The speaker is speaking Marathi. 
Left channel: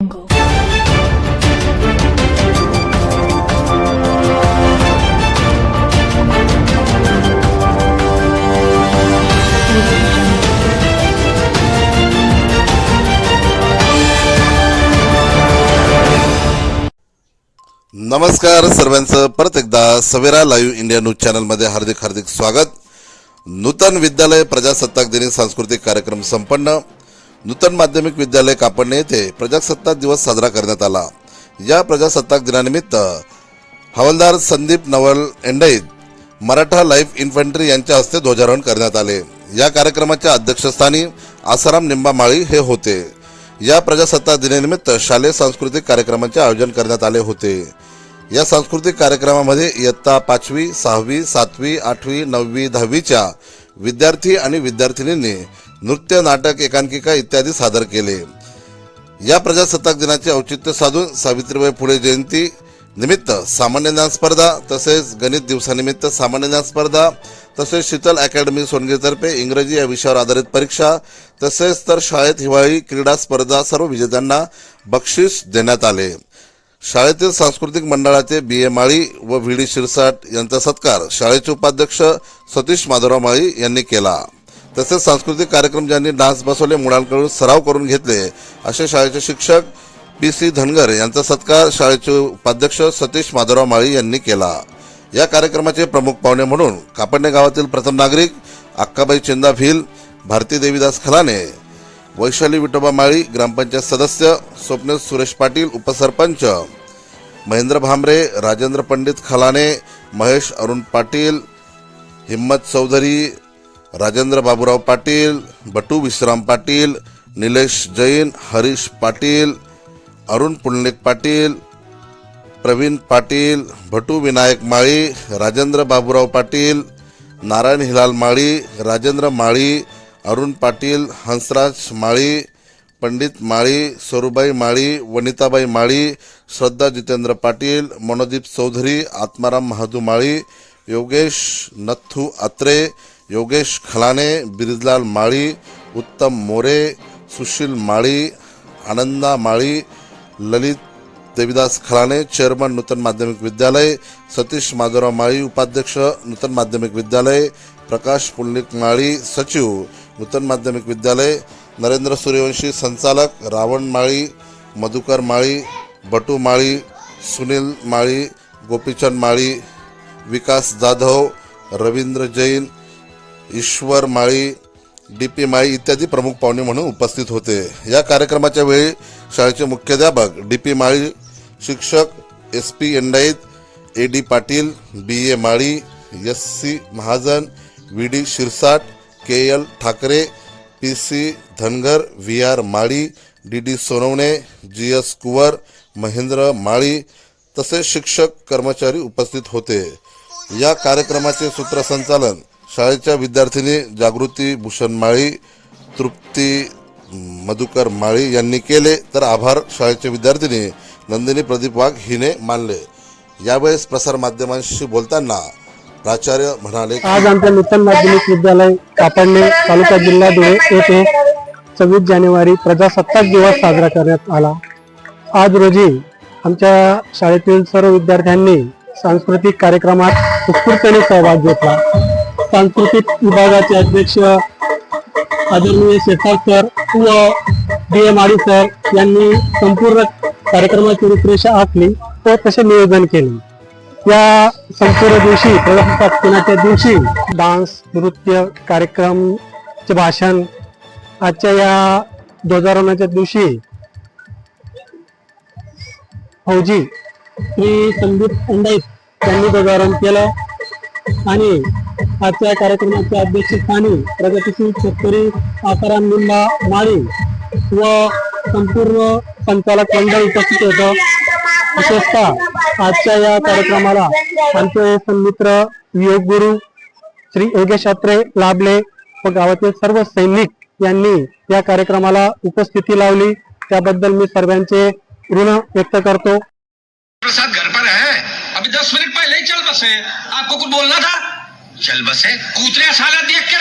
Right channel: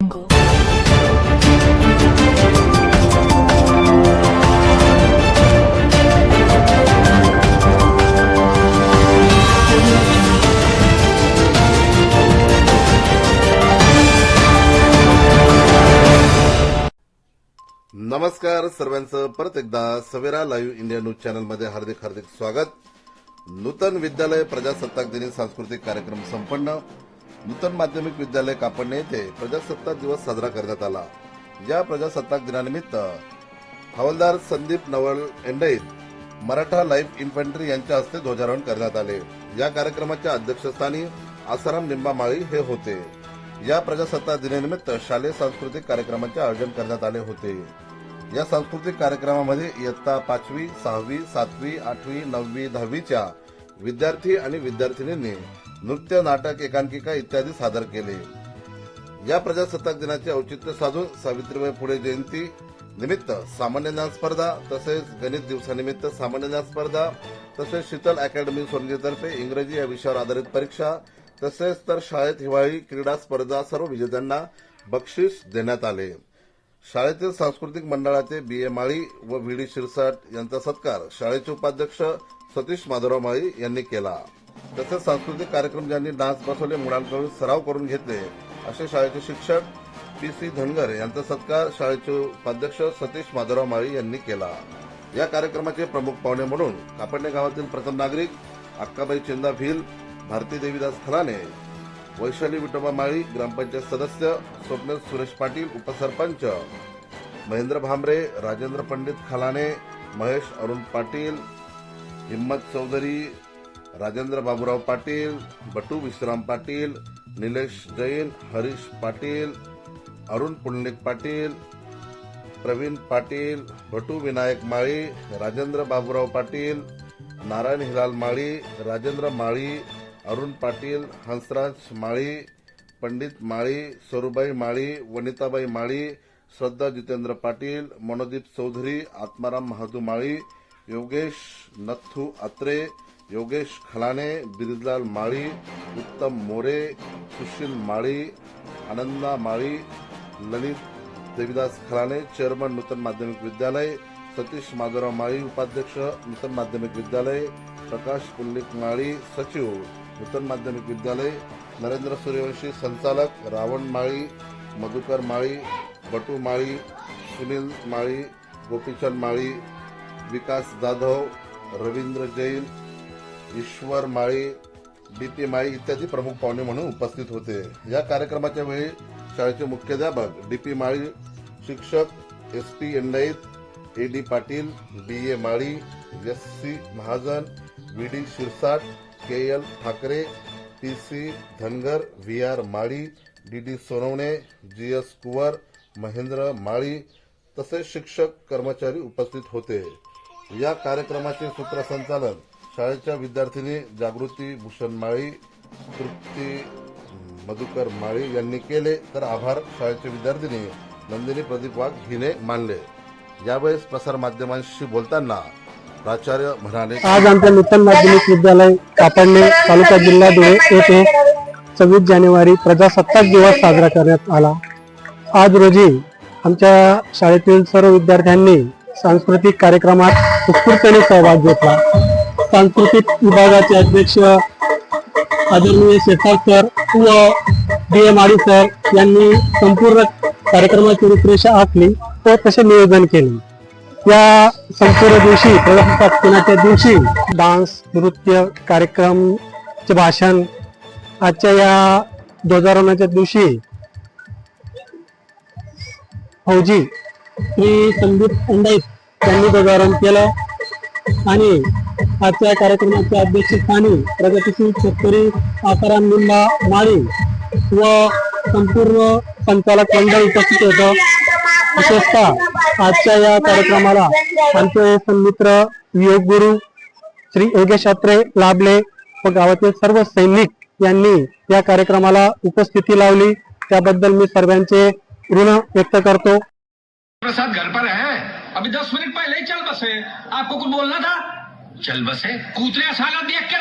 jungle. नमस्कार सर्वांचं परत एकदा सवेरा लाईव्ह इंडिया न्यूज चॅनलमध्ये हार्दिक हार्दिक स्वागत नूतन विद्यालय प्रजासत्ताक दिनी सांस्कृतिक कार्यक्रम संपन्न नूतन माध्यमिक विद्यालय कापडणे येथे प्रजासत्ताक दिवस साजरा करण्यात आला. या प्रजासत्ताक दिनानिमित्त हवालदार संदीप नवल एंडईत मराठा लाईफ इन्फंट्री यांच्या हस्ते ध्वजारोहण करण्यात आले. या कार्यक्रमाच्या अध्यक्षस्थानी आसाराम निंबामाळी हे होते. या प्रजासत्ताक दिनानिमित्त शालेय सांस्कृतिक कार्यक्रमाचे आयोजन करण्यात आले होते. या सांस्कृतिक कार्यक्रमामध्ये इयत्ता पाचवी सहावी सातवी आठवी नववी दहावीच्या विद्यार्थी आणि विद्यार्थिनींनी नृत्य नाटक एकांकिका इत्यादी सादर केले. या प्रजासत्ताक दिनाचे औचित्य साधून सावित्रीबाई फुले जयंती निमित्त सामान्य ज्ञान स्पर्धा तसेच गणित दिवसानिमित्त सामान्य ज्ञान स्पर्धा तसेच शीतल अकॅडमी सोनगीतर्फे इंग्रजी या विषयावर आधारित परीक्षा तसेच तर शाळेत हिवाळी क्रीडा स्पर्धा सर्व विजेत्यांना बक्षीस देण्यात आले. शाळेतील सांस्कृतिक मंडळाचे बी. ए. माळी व व्ही. डी. शिरसाट यांचा सत्कार शाळेचे उपाध्यक्ष सतीश माधवराव माळी यांनी केला. तसेच सांस्कृतिक कार्यक्रम ज्यांनी डान्स बसवले मुलांकडून सराव करून घेतले असे शाळेचे शिक्षक पी. सी. धनगर यांचा सत्कार शाळेचे उपाध्यक्ष सतीश माधवराव माळी यांनी केला. या कार्यक्रमाचे प्रमुख पाहुणे म्हणून कापडणे गावातील प्रथम नागरिक अक्काबाई चिंदा भिल भारती देवीदास खलाने वैशाली विठोबा माळी ग्रामपंचायत सदस्य स्वप्न सुरेश पाटील उपसरपंच महेंद्र भांबरे राजेंद्र पंडित खलाने महेश अरुण पाटील हिम्मत चौधरी राजेंद्र बाबूराव पाटील बटू विश्राम पाटील निलेश जैन हरीश पाटील अरुण पुंडलिक पाटील प्रवीण पाटील भटू विनायक माळी राजेंद्र बाबूराव पाटील नारायण हिलाल माळी राजेंद्र माळी अरुण पाटील हंसराज माळी पंडित माळी सरूबाई माळी वनिताबाई माळी श्रद्धा जितेंद्र पाटील मनोदीप चौधरी आत्माराम महादू माळी योगेश नथू आत्रे योगेश खलाने बिरजलाल माळी उत्तम मोरे सुशील माळी आनंदा माळी ललित देविदास खलाने चेअरमन नूतन माध्यमिक विद्यालय सतीश माधवराव माळी उपाध्यक्ष नूतन माध्यमिक विद्यालय प्रकाश पुंडलिक माळी सचिव नूतन माध्यमिक विद्यालय नरेंद्र सूर्यवंशी संचालक रावण माळी मधुकर माळी बटू माळी सुनील माळी गोपीचंद माळी विकास जाधव रवींद्र जैन ईश्वर माळी डी पी माळी इत्यादी प्रमुख पाहुणे म्हणून उपस्थित होते. या कार्यक्रमाच्या वेळी शाळेचे मुख्याध्यापक डी पी माळी शिक्षक S P Endait A D Patil B A Mali S C Mahajan V D Shirsat K L Thackeray P C Dhangar V R Mali D D Sonawane G S Kuwar Mahendra Mali तसेच शिक्षक कर्मचारी उपस्थित होते. या कार्यक्रमाचे सूत्रसंचालन शाळेच्या विद्यार्थिनी जागृती भूषण माळी तृप्ती मधुकर माळी यांनी केले. तर आभार शाळेच्या विद्यार्थिनी नंदिनी प्रदीप वाघ हिने मानले. यावेळेस प्रसार माध्यमांशी बोलताना प्राचार्य म्हणाले आज आमच्या नूतन माध्यमिक विद्यालय कापडणे तालुका जिल्हा धुळे येथे सव्वीस जानेवारी प्रजासत्ताक दिवस साजरा करण्यात आला. आज रोजी आमच्या शाळेतील सर्व विद्यार्थ्यांनी सांस्कृतिक कार्यक्रमात उत्स्फूर्तपणे सहभाग घेतला. सांस्कृतिक विभागाचे अध्यक्ष आदरणीय शेखार सर व डी एम आडी सर यांनी संपूर्ण कार्यक्रमाची रूपरेषा आखली व तसे नियोजन केले. या संपूर्ण दिवशी प्रजासत्ताक दिनाच्या दिवशी डान्स नृत्य कार्यक्रमचे भाषण आजच्या या ध्वजारोहणाच्या दिवशी फौजी श्री संदीप अंडाईत यांनी ध्वजारोहण केलं. आणि आजच्या कार्यक्रमाच्या अध्यक्षस्थानी प्रगतीशील शेतकरी आकाराम निंबा माळी व संपूर्ण संचालक मंडळ उपस्थित होतं. विशेषतः आजच्या या कार्यक्रमाला आमचे सन्मित्र योग गुरु श्री योगेश अत्रे लाभले व गावातील सर्व सैनिक यांनी या कार्यक्रमाला उपस्थिती लावली. त्याबद्दल मी सर्वांचे ऋण व्यक्त करतो. प्रसाद घर पर है। अभी दस मिनट पहले ही चल बसे। आपको कुछ बोलना था? चल बसे। कूतरे साला देख के